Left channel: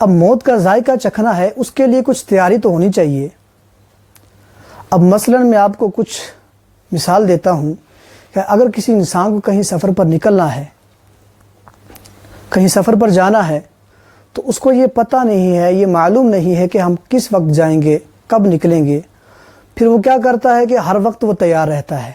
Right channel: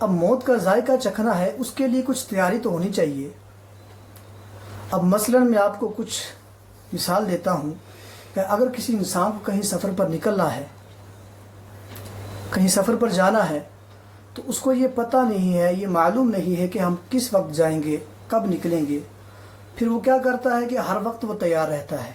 اب موت کا ذائقہ چکھنا ہے، اس کے لیے کچھ تیاری تو ہونی چاہیے۔ اب مثلا میں آپ کو کچھ مثال دیتا ہوں کہ اگر کسی انسان کو کہیں سفر پر نکلنا ہے، کہیں سفر پر جانا ہے، تو اس کو یہ پتہ نہیں ہے، یہ معلوم نہیں ہے کہ ہم کس وقت جائیں گے، کب نکلیں گے۔ پھر وہ کیا کرتا ہے کہ ہر وقت وہ تیار رہتا ہے۔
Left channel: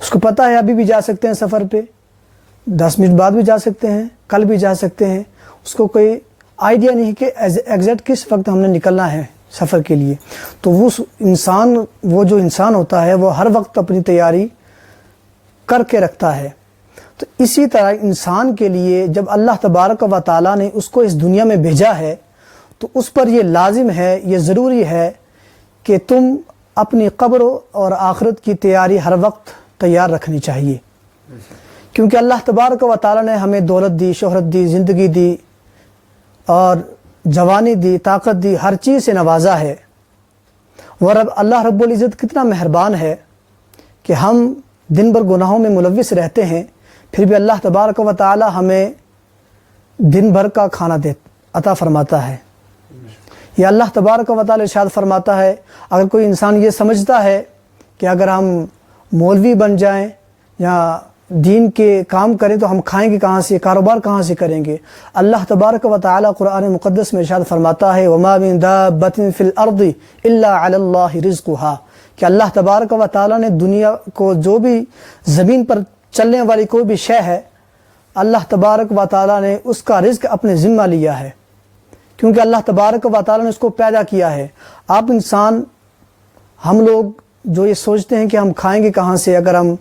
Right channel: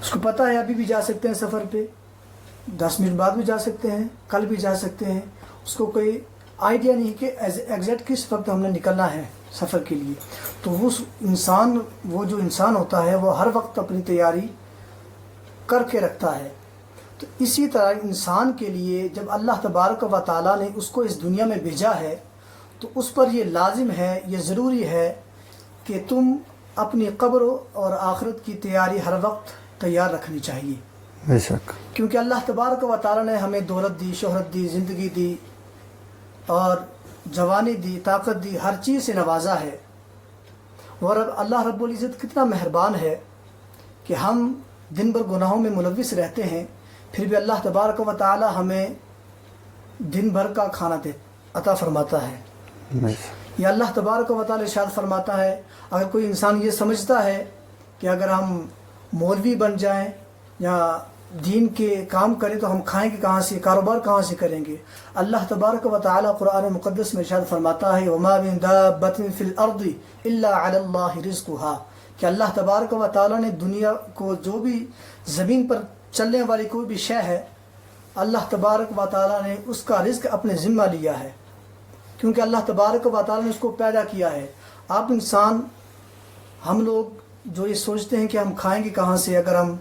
اس کو پتہ ہے ابھی بھی جا سکتے ہیں سفر پہ، 10 منٹ بعد بھی جا سکتے ہیں، کل بھی جا سکتے ہیں۔ اس کو کوئی آئیڈیا نہیں کہ ایگزیکٹ کس وقت ہم نے نکلنا ہے سفر کے لیے۔ تو وہ جو انسان ہوتا ہے وہ ہر وقت اپنی تیاری کر کے رکھتا ہے۔ تو اسی طرح انسان کے لیے جب اللہ تبارک و تعالیٰ نے اس کو اس دنیا میں بھیجا ہے تو اس پر یہ لازم ہے، یہ ضروری ہے کہ تم اپنی قبر اور آخرت کی تیاری ہر وقت تیار رکھنی چاہیے۔ بے شک، کیونکہ اللہ تبارک و تعالیٰ نے ہمیں دولت دی، شہرت دی، زندگی دی اور جوانی دی، طاقت دی، ہر چیز سے نوازا ہے۔ اور اللہ رب العزت کتنا مہربان ہے کہ ہم دن بھر گناہوں میں ملوث رہتے ہیں، پھر بھی اللہ تبارک و تعالیٰ ہمیں دن بھر کا کھانا عطا فرماتا ہے۔ یہ اللہ تبارک و تعالیٰ ارشاد فرماتا ہے، اگر کوئی انسان یہ سمجھتا ہے کہ اگر ہم مولوی بن جائیں یا دین کے کام کریں تو ہم کھائیں گے کہاں سے، کاروبار کہاں سے کریں گے، اللہ تبارک و تعالیٰ قرآن مقدس میں ارشاد فرماتا ہے وَمَا مِن دَابَّةٍ فِي الْأَرْضِ إِلَّا عَلَى اللَّهِ رِزْقُهَا، کہ اللہ تبارک و تعالیٰ نے دنیا کو جو بھی زمین پر چلنے والی کوئی بھی شے ہے، اللہ تبارک و تعالیٰ نے اس کا رزق اپنے ذمہ لیا ہے، کیونکہ اللہ تبارک و تعالیٰ نے اس کو پیدا کیا ہے۔ آپ انسان، ہم لوگ جو یہ سوچتے ہیں کہ ہم کھائیں گے کہاں سے، اگر ہم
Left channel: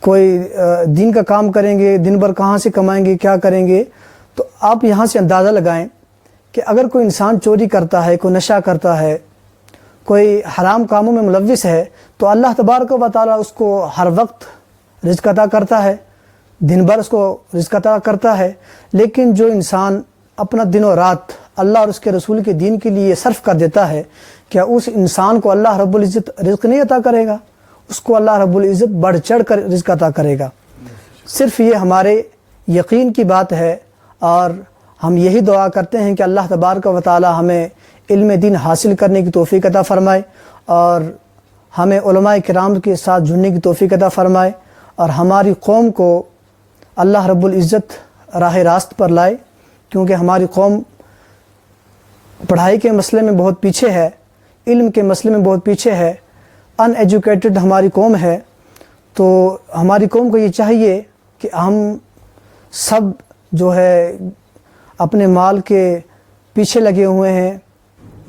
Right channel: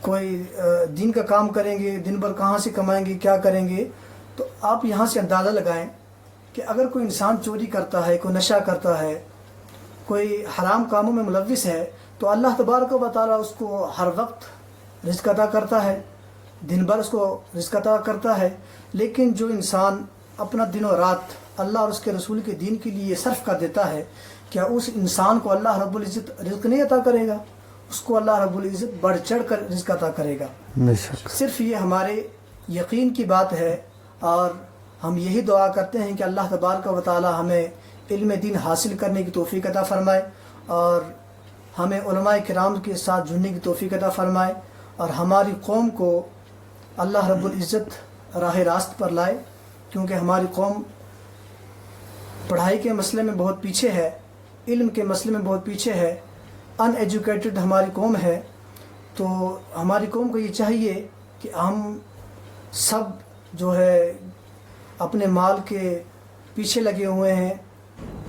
کوئی دین کا کام کریں گے، دن بھر کہاں سے کمائیں گے، کیا کریں گے، تو آپ یہاں سے اندازہ لگائیں کہ اگر کوئی انسان چوری کرتا ہے، کوئی نشہ کرتا ہے، کوئی حرام کاموں میں ملوث ہے، تو اللہ تبارک و تعالیٰ اس کو ہر وقت رزق عطا کرتا ہے، دن بھر اس کو رزق عطا کرتا ہے۔ لیکن جو انسان اپنا دن و رات اللہ اور اس کے رسول کے دین کے لیے صرف کر دیتا ہے، کیا اس انسان کو اللہ رب العزت رزق نہیں عطا کرے گا؟ اس کو اللہ رب العزت بڑھ چڑھ کر رزق عطا کرے گا۔ صرف یہ ہمارے یقین کی بات ہے، اور ہم یہی دعا کرتے ہیں کہ اللہ تبارک و تعالی ہمیں علم دین حاصل کرنے کی توفیق عطا فرمائے، اور ہمیں علماء کرام کے ساتھ جڑنے کی توفیق عطا فرمائے، اور ہماری قوم کو اللہ رب العزت راہ راست پر لائے، کیونکہ ہماری قوم پڑھائی کے مسئلے میں بہت پیچھے ہے، علم کے مسئلے میں بہت پیچھے ہے، ان ایجوکیٹڈ ہماری قوم ہے۔ تو ہماری قوم کو یہ چاہیے کہ ہم سب جو ہے اپنے مال کے پیچھے لگے ہوئے ہیں،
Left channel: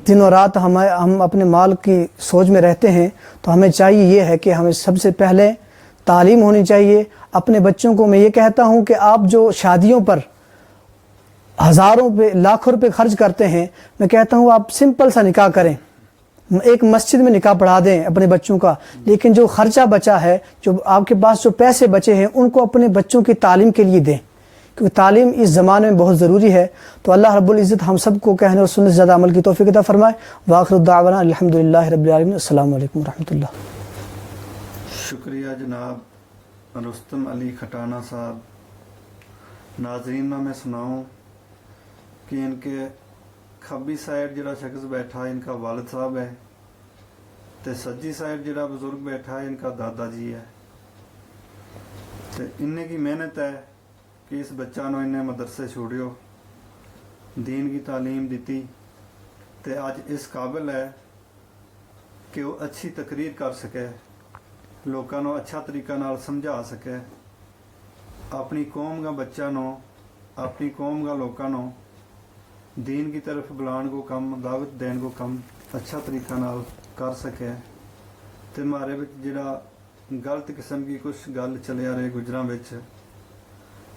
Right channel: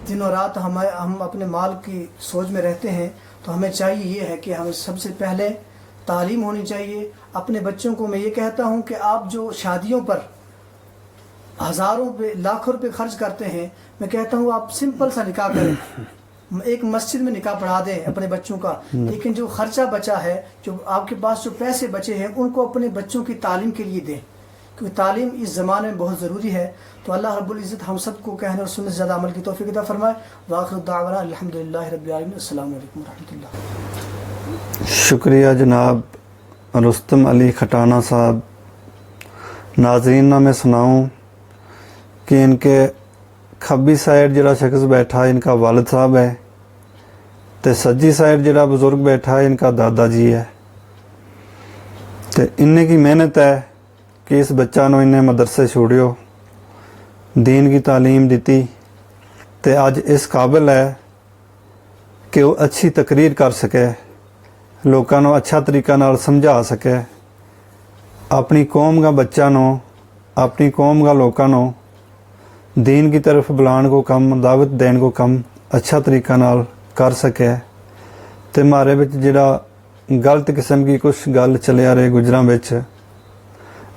دن و رات ہم اپنے مال کی سوچ میں رہتے ہیں، تو ہمیں چاہیے یہ ہے کہ ہمیں سب سے پہلے تعلیم ہونی چاہیے۔ اپنے بچوں کو میں یہ کہتا ہوں کہ آپ جو شادیوں پر ہزاروں پہ لاکھوں روپے خرچ کرتے ہیں، میں کہتا ہوں آپ سمپل سا نکاح کریں، ایک مسجد میں نکاح پڑھا دیں اپنے بچوں کا، لیکن جو خرچہ بچا ہے، جو آپ کے پاس جو پیسے بچے ہیں، ان کو اپنے بچوں کی تعلیم کے لیے دیں، کیونکہ تعلیم اس زمانے میں بہت ضروری ہے۔ تو اللہ رب العزت ہم سب کو کہنے اور سننے سے زیادہ عمل کی توفیق عطا فرمائے۔ وآخر الدعوانا الحمدللہ رب العالمین، السلام علیکم ورحمۃ اللہ۔ شکریہ جناب رستم علی کھٹانہ صاحب۔ ناظرین نہ میں سناؤں کہ ان کے کھبی سائڈ جڑا شخص بیٹھا ان کا والد صاحب ہے، تے سجی سائڈ جڑا بزرگ بیٹھا ہے ان کا دادا جی ہے، تے انہیں کی محنت ہے کہ اس بچہ نو انہیں مدرسے چھوڑیو، دین کی تعلیم دیتی، تے اج اس قابل ہے کہ وہ اچھی تقریر کر سکے، لوکاں نو اچھا طریقہ نال سمجھا سکے، اپنی قوم کا بچہ نو، اپنی قوم کا لوکاں نو دین کی طرف بلان کو کم، دعوت دین کو کم اچھا طریقہ نال کر سکے۔ تے مارے بچ جڑا غلط قسم کی کچھ گل چلیا رہے گجراں بچ،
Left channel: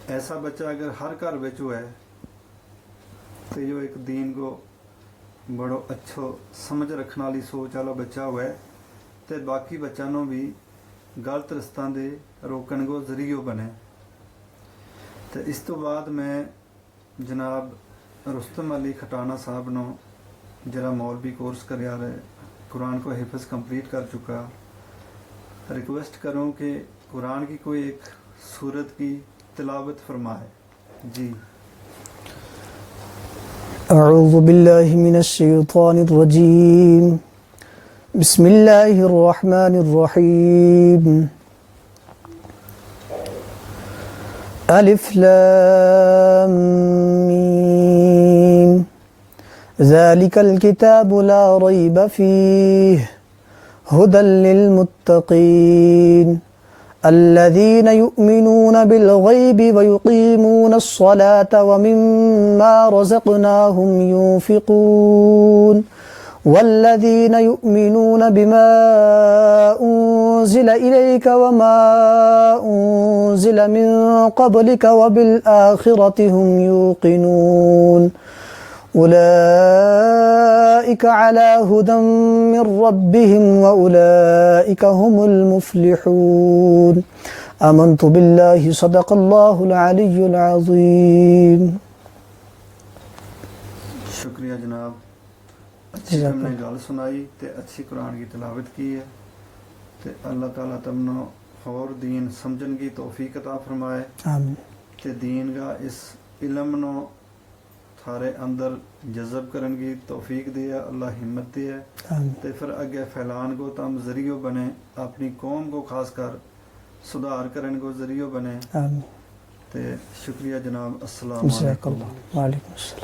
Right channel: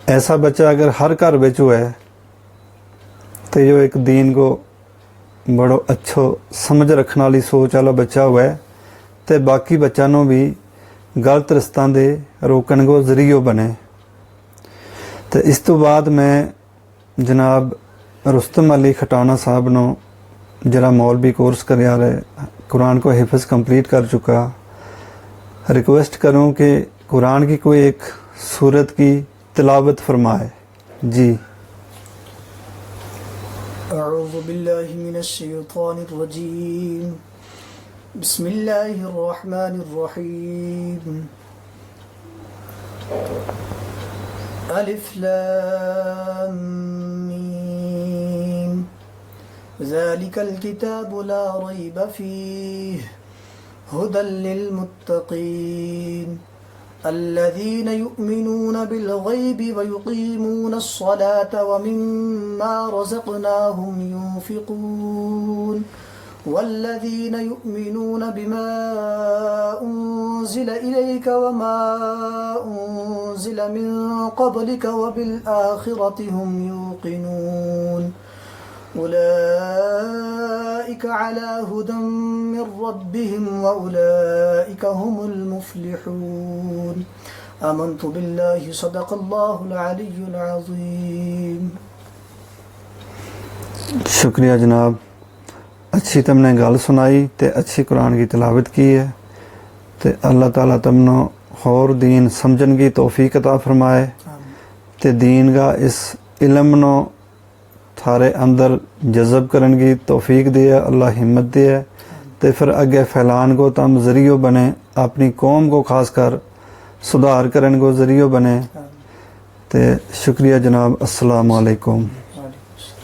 ایسا بچہ اگر ہر گھر بچ ہوئے تو جو ایک دین کو بڑو اچھو سمجھ رکھنے والی سوچ والا بچہ ہوئے تے باقی بچہ نو بھی غلط رستاں دے روکن کو ذریعہ بنے۔ تو اس تو بعد میں جناب رستم علی کھٹانہ صاحب نو جڑا مولوی کورس کریا رہے، قرآن کو حفظ کمپلیٹ کر چکا، ریکویسٹ کروں کہ قرآن کی کوئی ایک سورت کی تلاوت فرمائے۔ جی اعوذ باللہ من الشیطان الرجیم بسم اللہ الرحمن الرحیم الف لام میم ذالک الکتاب لا ریب فیہ هدى للمتقين الذين يؤمنون بالغيب ويقيمون الصلاة ومما رزقناهم ينفقون والذين يؤمنون بما أنزل إليك وما أنزل من قبلك وبالآخرة هم يوقنون أولئك على هدى من ربهم وأولئك هم المفلحون آمنت بالله صدق الله العلي العظيم. شکریہ جناب، اچھی تم نے گل سنائی تے اچھی قرآن کی تلاوت کی ہے تے اللہ تعالیٰ تم نو اور دین سمجھن کی توفیق عطا فرمائے آمین. تے دین کا اس علم نو تھارے اندر جذب کرن کی توفیق دے، اللہ ہمت دے تے پھر اگے پھیلان کو تم ذریعہ بنے، اپنی قوم کو خاص کر سدھار کرن کو ذریعہ بنے. آمین. تے شکریہ جناب، السلام علیکم. وعلیکم السلام.